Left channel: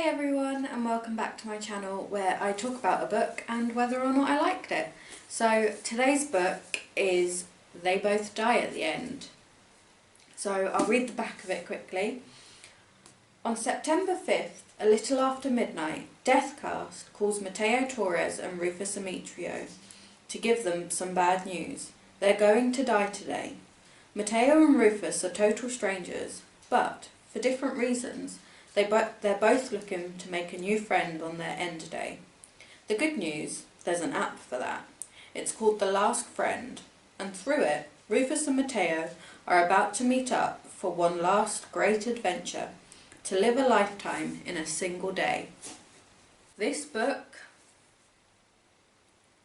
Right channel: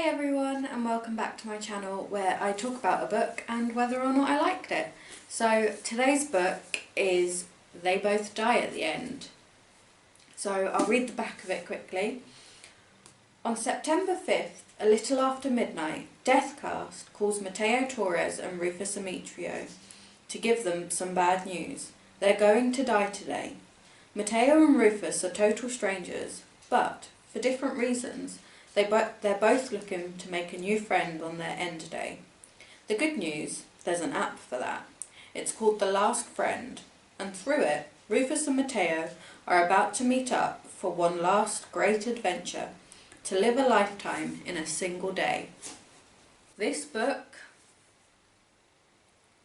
Hey everyone, and welcome back to my channel where I talk about a book and whether or not I liked it. So today's book is They Both Die at the End. So I'll read the back of it quickly. On September 5th, a little after midnight, Deathcast calls Mateo Torres and Rufus Ametrio to give them some bad news. They're going to die today. Mateo and Rufus are total strangers, but for different reasons. They're both looking to make a new friend on their end day. The good news, there's an app for that. It's called The Last Friend, and through it, Rufus and Mateo are about to meet up for one last great adventure, to live a lifetime in a single day. This book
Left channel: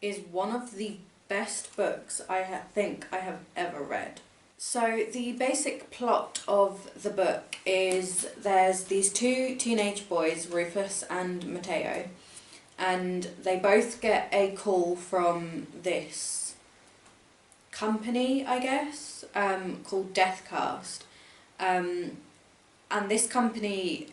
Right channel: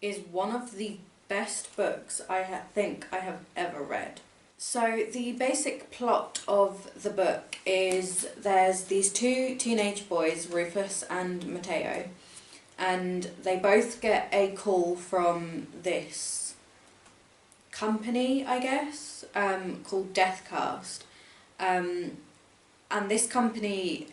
is one of the best books I think I have ever read. So the basic plot of the book is there's these two teenage boys, Rufus and Mateo, and they both get a call from this company, I guess, called Deathcast. And this company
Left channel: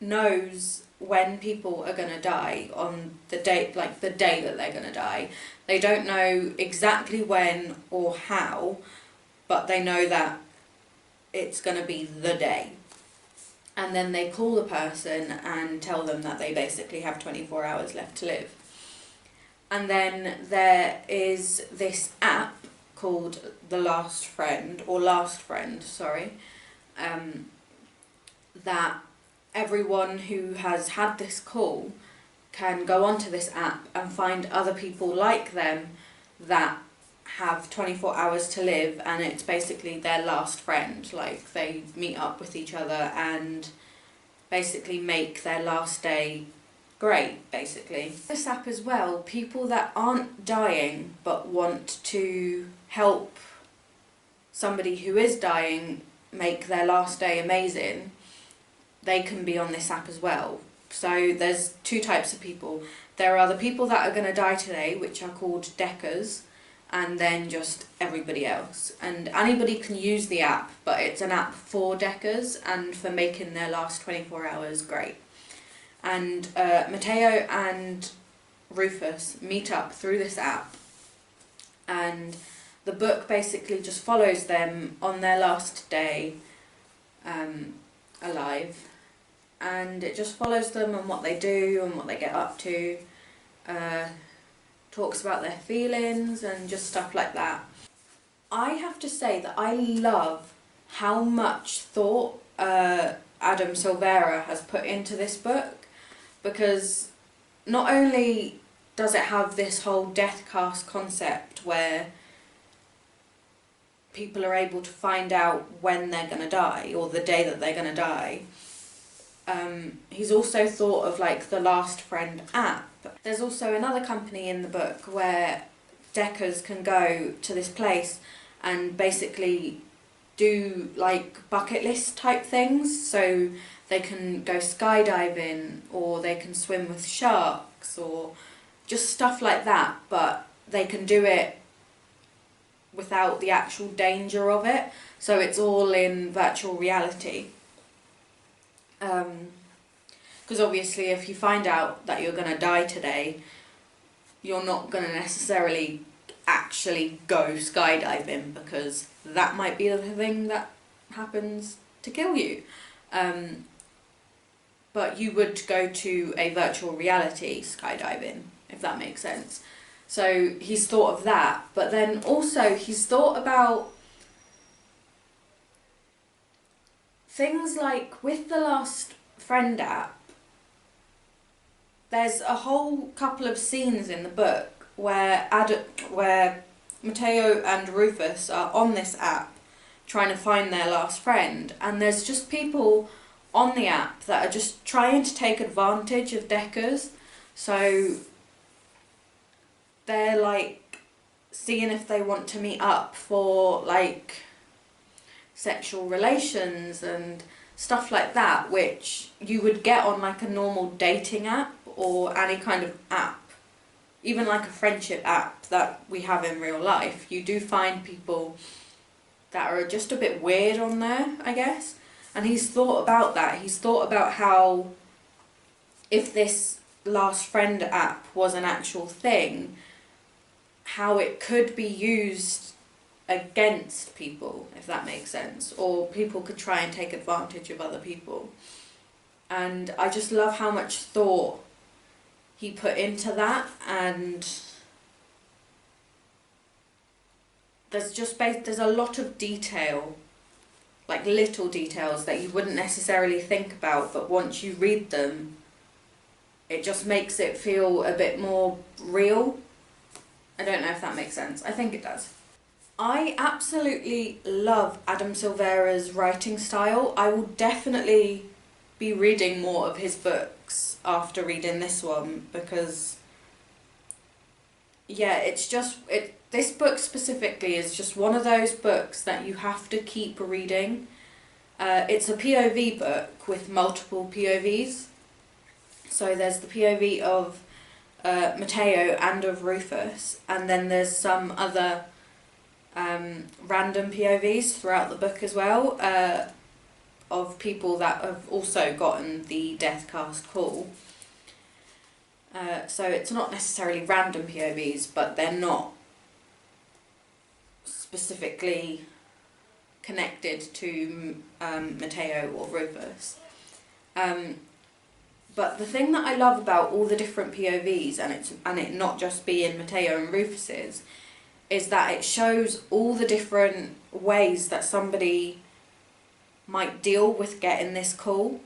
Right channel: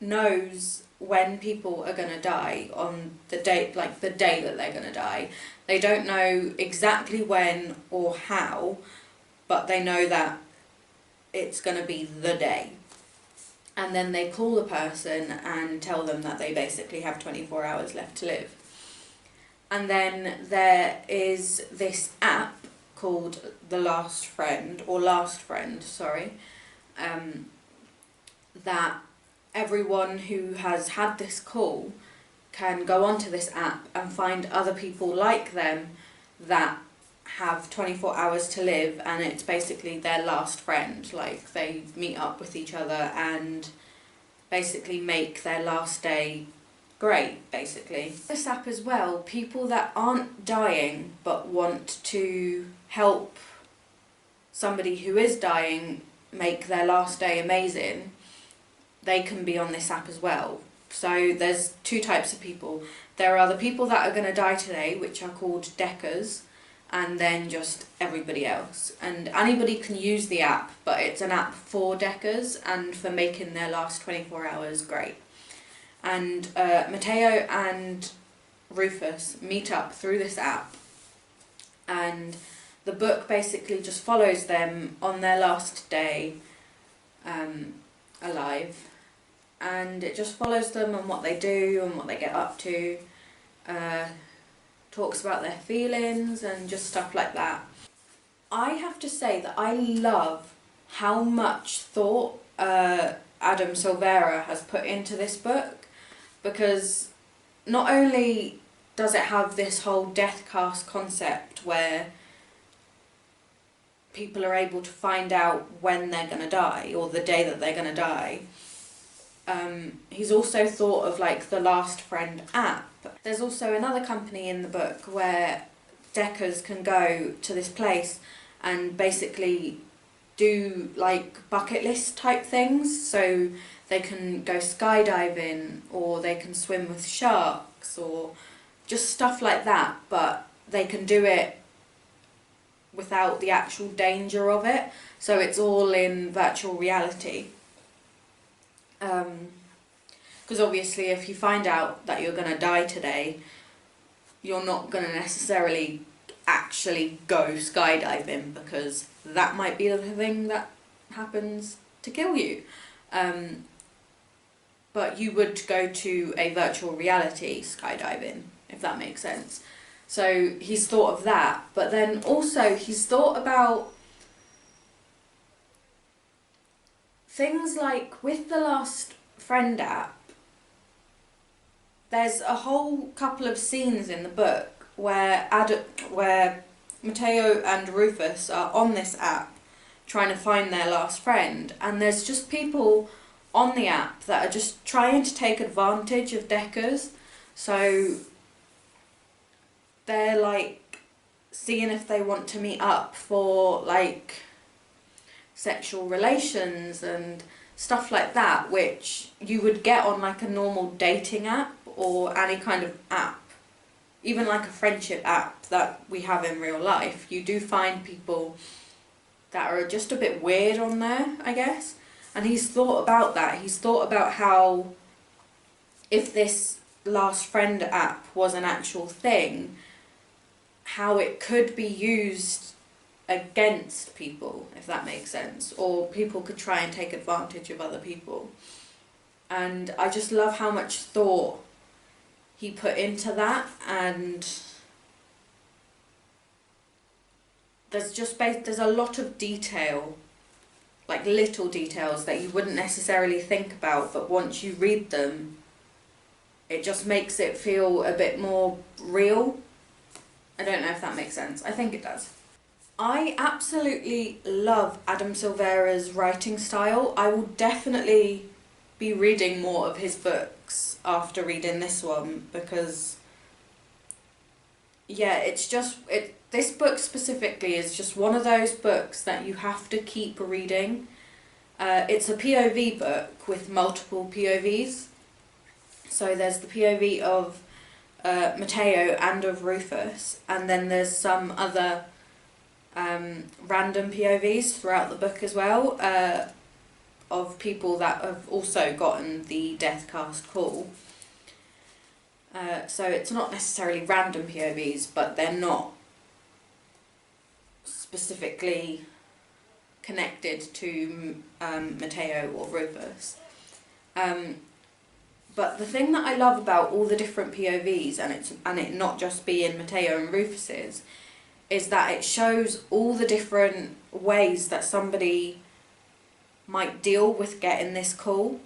knows when people are going to die on the date, like the day that they're going to die. They don't know exactly when or how, but they know that it's going to be the day. And then they call the person and tell them that they basically have 24 hours left to live. And then there is this app called The Last Friend, or Last Friend, sorry, that everyone who has had this call can go onto this app and find other people like them that have 24 hours to live, and it's basically their last friend. Like, they meet up with each other and basically make their last day great, basically. This app as well, people that aren't dying but want to help somebody who is dying make their last day amazing, they can be on this app as well. So there's two types of people. There are the people that are going to die today, which are called Deckers, and then just everybody else. And anybody can use the app, but it's an app for Deckers and for making their last 24 hours great. And Mateo and Rufus meet up through this app, and the book basically just follows them on their last day alive, and it just follows them and what they do and what they get up to. Talks about their feelings and just stuff like that. I have to say that I love how much thought Adam Silvera has put into this book, because not only does it have this whole Deathcast concept where people are able to find out when they're going to die or the day that they're going to die, he's also thought of like the Last Friend app. There's also another company in the book where Deckers can go to this place and basically do like bucket list type things. So they can go skydiving, or they can swim with sharks, or just stuff like that, but they can do it without the actual danger of it. So it's all in virtual reality. Because obviously if you find out that you're going to die today, you're not going to necessarily actually go skydiving, because that might be the thing that happens to kill you. But you would go to a virtual reality skydiving, if that makes sense. So he's thought of that, but then also he's thought about things like with the Last Friend app. There's a whole couple of scenes in the book where Mateo and Rufus are on this app trying to find their last friend, and there's just people on the app that are just trying to take advantage of Deckers. So they're like seeing if they want to meet up for like sexual relations and stuff like that, which you would get on like a normal dating app or any kind of app, even like a friendship app that we have in real life. You do find people that are just a bit weird on there, I guess. And he's thought about that. He's thought about how if this Last Friend app was an actual thing, how it could be used against people, if that makes sense, or people could try and take advantage of other people. And I just love how much thought he put into that, and there's a lot of detail, like little details that you wouldn't necessarily think about, but once you read them, it just makes it feel a bit more real. I don't know if that makes sense. I think it does. I absolutely love Adam Silvera's writing style. I will definitely be reading more of his books after reading this one, because yeah, this book specifically is just one of those books that you have to keep reading. It's a POV book with multiple POVs. So there's the POV of Mateo and of Rufus, and then there's some other random POVs throughout the book as well, of people that have also gotten the Deathcast call. So it's not necessarily random POVs, but they're not specifically connected to Mateo or Rufus. But the thing that I love about all the different POVs, and it not just being Mateo and Rufus's, is that it shows all the different ways that somebody might deal with getting this call.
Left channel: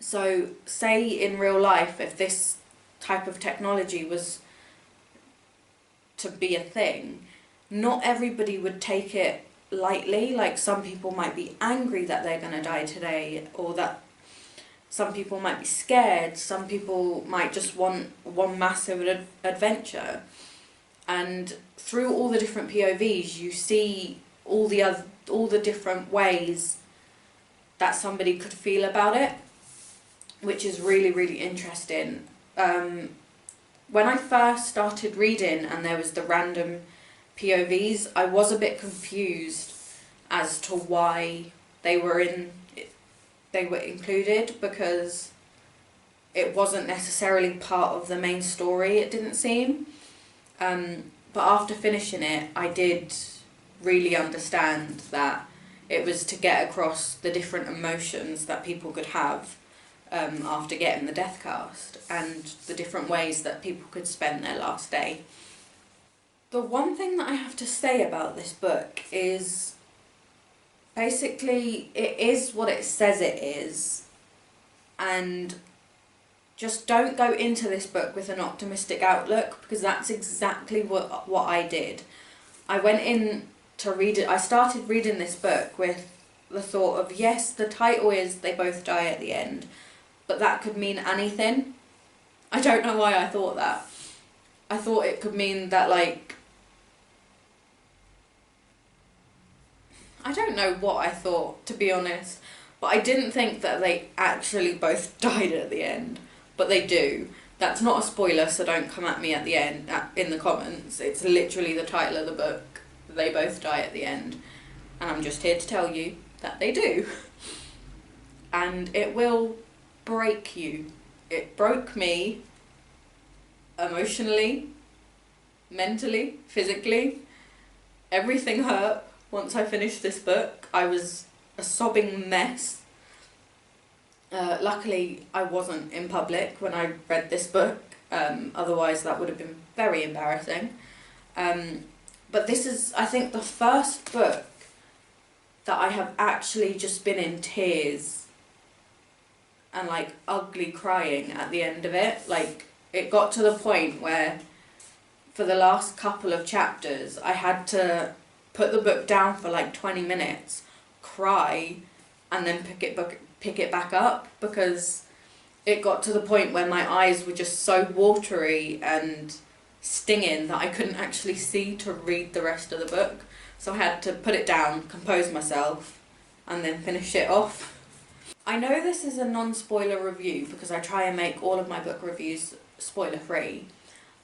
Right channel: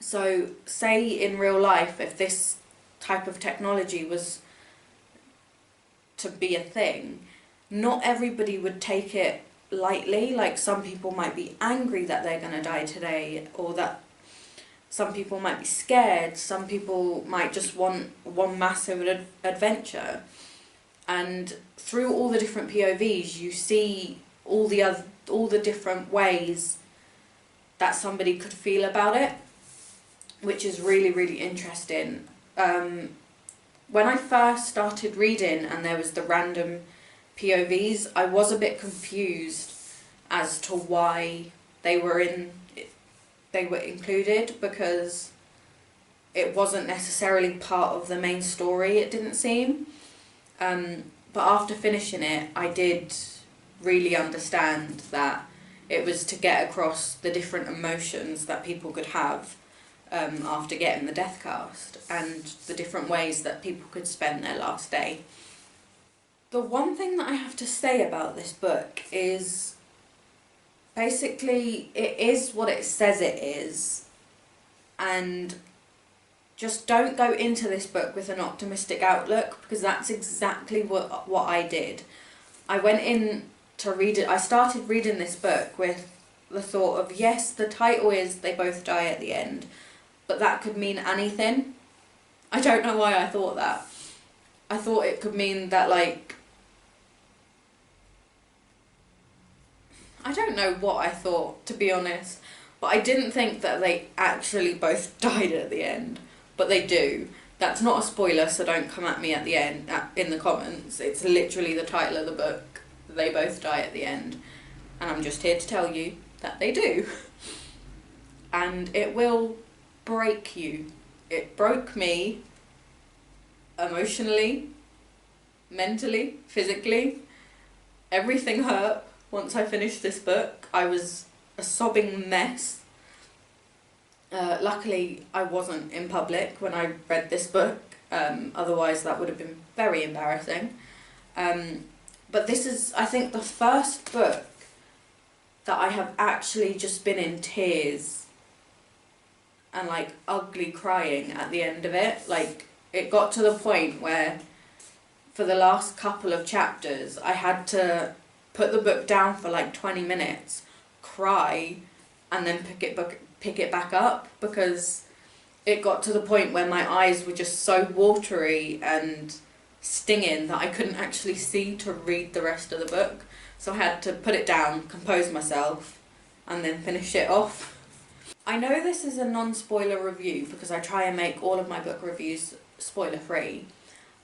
So say in real life, if this type of technology was to be a thing, not everybody would take it lightly. Like, some people might be angry that they're going to die today, or that some people might be scared, some people might just want one massive adventure. And through all the different POVs, you see all the different ways that somebody could feel about it, which is really, really interesting. When I first started reading and there was the random POVs, I was a bit confused as to why they were included, because it wasn't necessarily part of the main story, it didn't seem. But after finishing it, I did really understand that it was to get across the different emotions that people could have after getting the Deathcast, and the different ways that people could spend their last day. The one thing that I have to say about this book is, basically, it is what it says it is, and just don't go into this book with an optimistic outlook, because that's exactly what I did. I went in to read it. I started reading this book with the thought of, yes, the title is They Both Die at the End, but that could mean anything. I don't know why I thought that. I thought it could mean that, like, I don't know what I thought, to be honest, but I didn't think that they actually both died at the end, but they do. That's not a spoiler, so don't come at me at the end in the comments. It's literally the title of the book, They Both Die at the End, and I'm just here to tell you that they do. And it will break you. It broke me emotionally, mentally, physically. Everything hurt. Once I finished this book, I was a sobbing mess. Luckily, I wasn't in public when I read this book, otherwise that would have been very embarrassing. But this is, I think, the first book that I have actually just been in tears and, like, ugly crying at the end of it. Like, it got to the point where, for the last couple of chapters, I had to put the book down for like 20 minutes, cry, and then pick it back up, because it got to the point where my eyes were just so watery and stinging that I couldn't actually see to read the rest of the book. So I had to put it down, compose myself, and then finish it off. I know this is a non-spoiler review because I try and make all of my book reviews spoiler-free,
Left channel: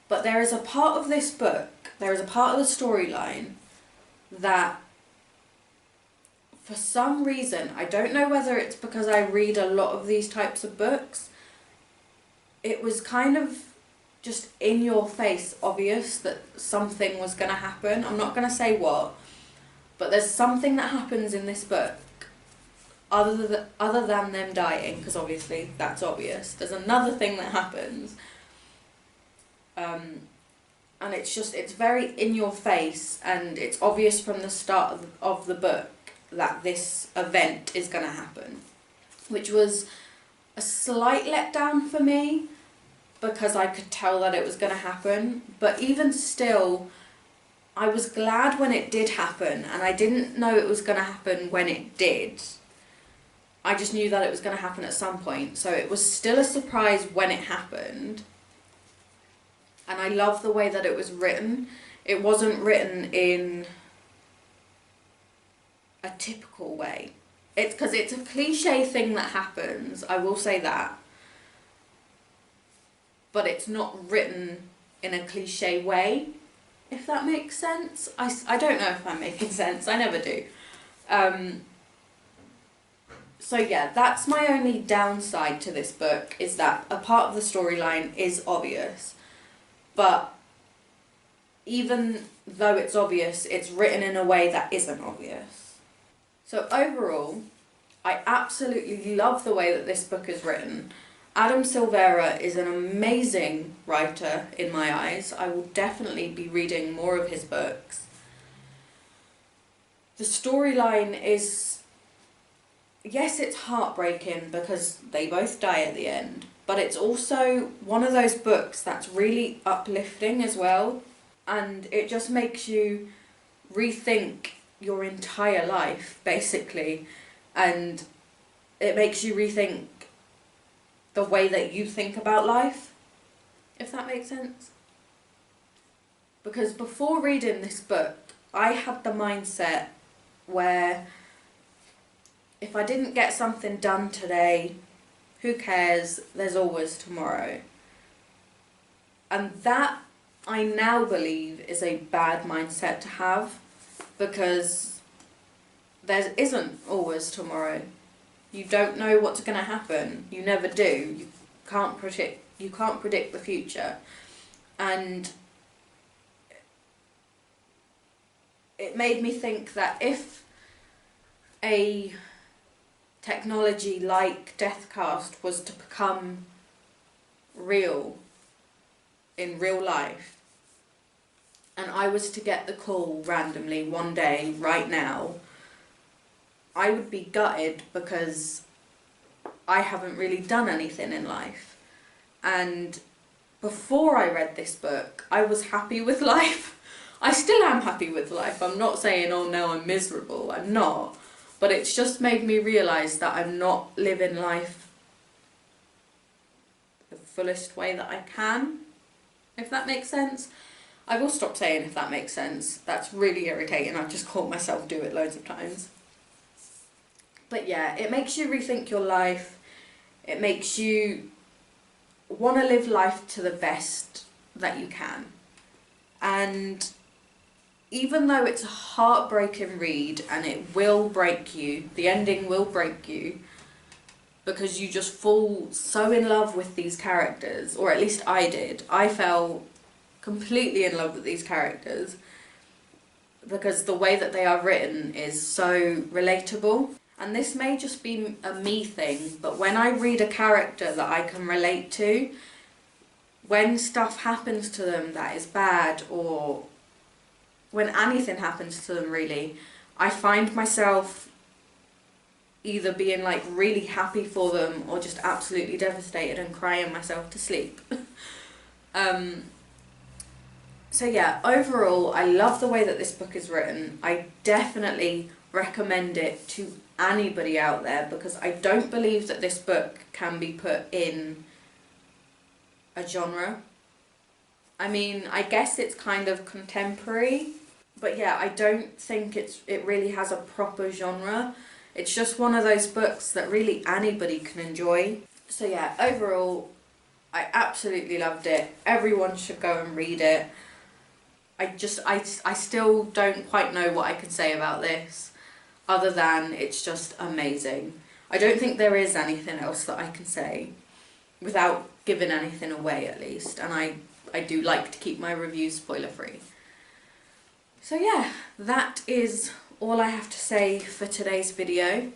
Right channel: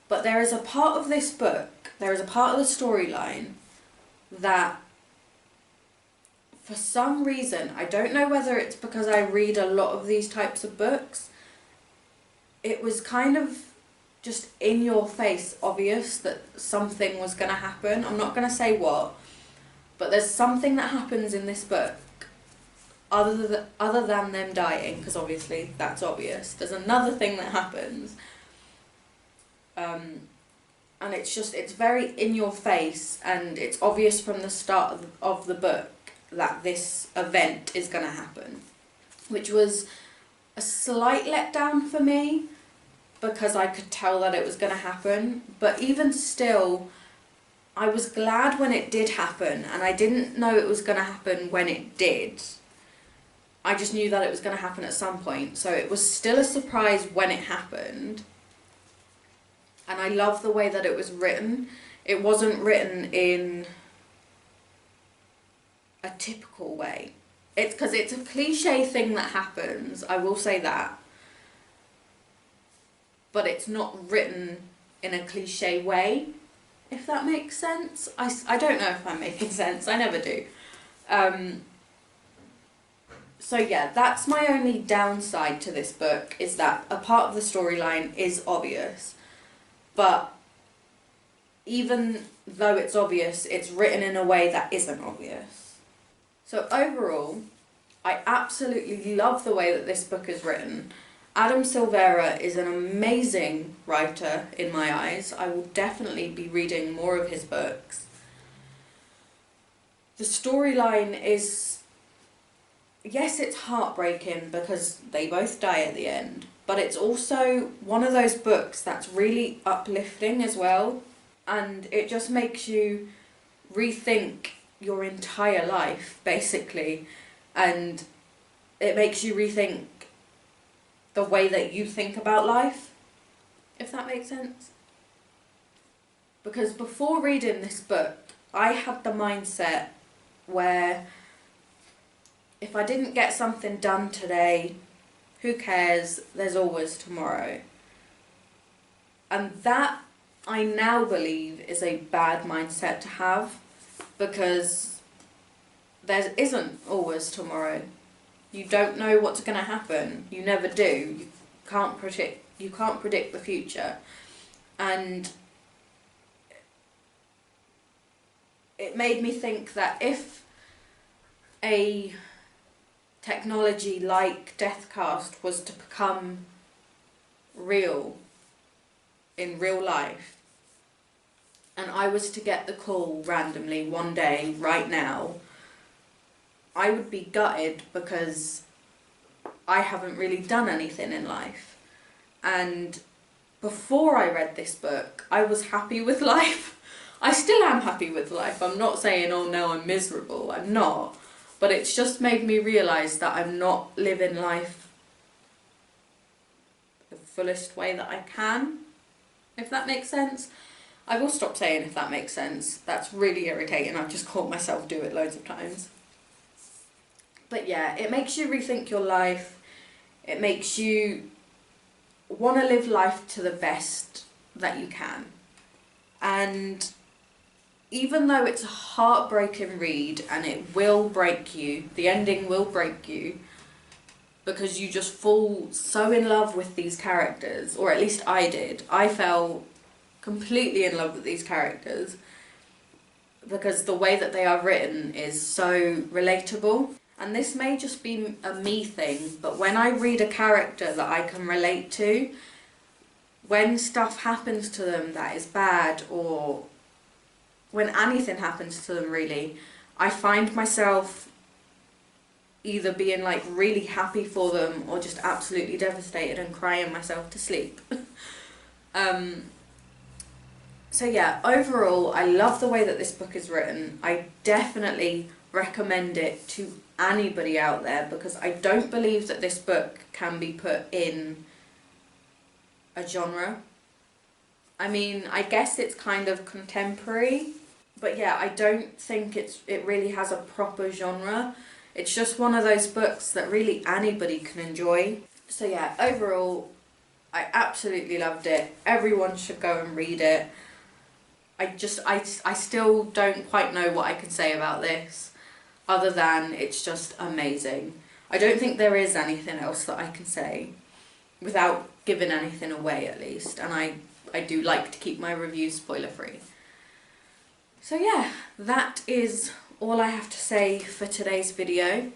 but there is a part of this book, there is a part of the storyline that for some reason, I don't know whether it's because I read a lot of these types of books, it was kind of just in your face obvious that something was going to happen. I'm not going to say what, but there's something that happens in this book other than them dying, because obviously that's obvious. There's another thing that happens, and it's very in your face, and it's obvious from the start of the book that this event is going to happen, which was a slight letdown for me, because I could tell that it was going to happen. But even still, I was glad when it did happen, and I didn't know it was going to happen when it did. I just knew that it was going to happen at some point, so it was still a surprise when it happened. And I love the way that it was written. It wasn't written in a typical way. It's because it's a cliche thing that happens, I will say that. But it's not written in a cliche way, if that makes sense. I don't know if I'm making sense, I never do. So yeah, that's my only downside to this book, is that a part of the storyline is obvious. But even though it's obvious, it's written in a way that isn't obvious. So overall, I absolutely love the way that this book is written. Adam Silvera is an amazing writer in my eyes. I will definitely be reading more of his books. The storyline is, yes, it's heartbreaking because they both die at the end, but it's also one of those books that's really uplifting as well, and it just makes you rethink your entire life, basically, and it makes you rethink the way that you think about life, if that makes sense. Because before reading this book, I had the mindset where if I didn't get something done today, who cares, there's always tomorrow. And that, I now believe, is a bad mindset to have, because there isn't always tomorrow. You don't know what's going to happen. You never do. You can't predict the future. And it made me think that if a technology like Deathcast was to become real in real life, and I was to get the call randomly one day, right now, I would be gutted, because I haven't really done anything in life. And before I read this book, I was happy with life. I still am happy with life. I'm not saying, oh no, I'm miserable. I'm not. But it's just made me realise that I'm not living life the fullest way that I can, if that makes sense. I will stop saying if that makes sense. That's really irritating. I've just caught myself do it loads of times. But yeah, it makes you rethink your life. It makes you want to live life to the best that you can. And even though it's a heartbreaking read and it will break you, the ending will break you, because you just fall so in love with these characters, or at least I did. I fell completely in love with these characters because the way that they are written is so relatable. And this may just be a me thing, but when I read a character that I can relate to, when stuff happens to them that is bad, or when anything happens to them really, I find myself either being like really happy for them or just absolutely devastated and crying myself to sleep. So yeah, overall, I love the way that this book is written. I definitely recommend it to anybody out there, because I don't believe that this book can be put in a genre. I mean, I guess it's kind of contemporary, but yeah, I don't think it really has a proper genre. It's just one of those books that really anybody can enjoy. So yeah, overall, I absolutely loved it. Everyone should go and read it. I still don't quite know what I can say about this. other than it's just amazing. I don't think there is anything else that I can say without giving anything away, at least, and I do like to keep my reviews spoiler free. So yeah, that is all I have to say for today's video.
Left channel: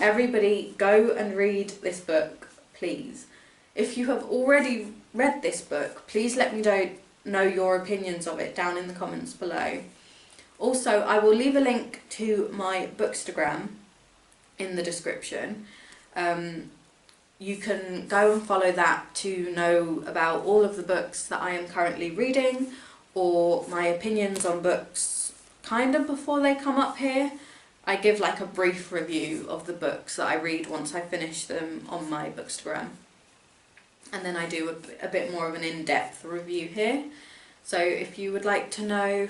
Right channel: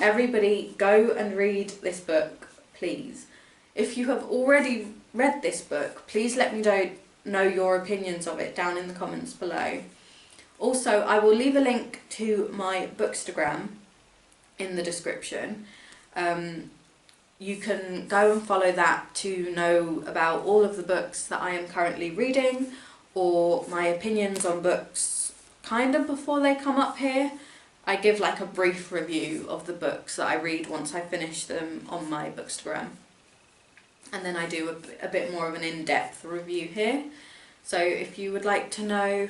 Everybody go and read this book, please. If you have already read this book, please let me know your opinions of it down in the comments below. Also, I will leave a link to my Bookstagram in the description. You can go and follow that to know about all of the books that I am currently reading, or my opinions on books kind of before they come up here. I give like a brief review of the books that I read once I finish them on my Bookstagram. And then I do a bit more of an in-depth review here. So if you would like to know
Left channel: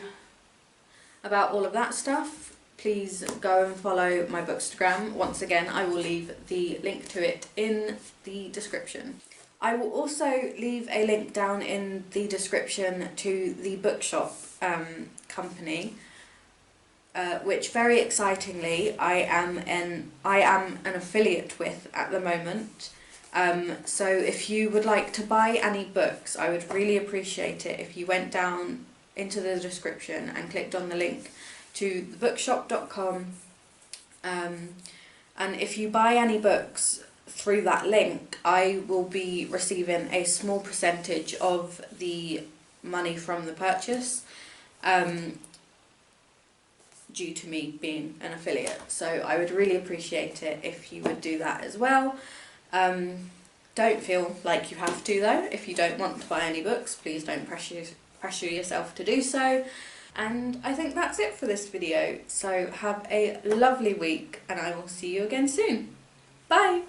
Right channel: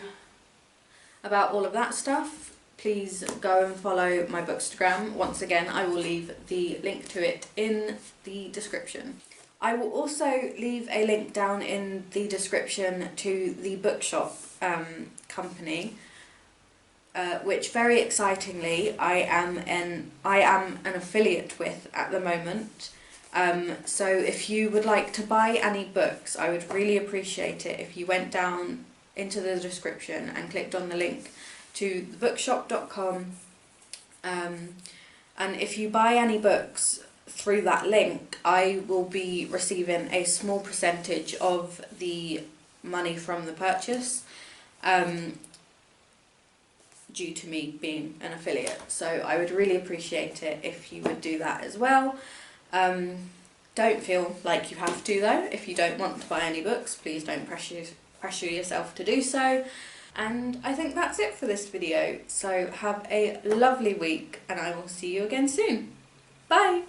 about all of that stuff, please go and follow my Bookstagram. Once again, I will leave the link to it in the description. I will also leave a link down in the description to the bookshop company, which very excitingly I am an affiliate with at the moment. So if you would like to buy any books, I would really appreciate it if you went down into the description and clicked on the link to thebookshop.com, and if you buy any books through that link, I will be receiving a small percentage of the money from the purchase, due to me being an affiliate. So I would really appreciate it if you would do that as well. Don't feel like you have to though. If you don't want to buy any books, please don't pressure yourself to do so. And I think that's it for this video. So have a lovely week, and I will see you again soon. Bye!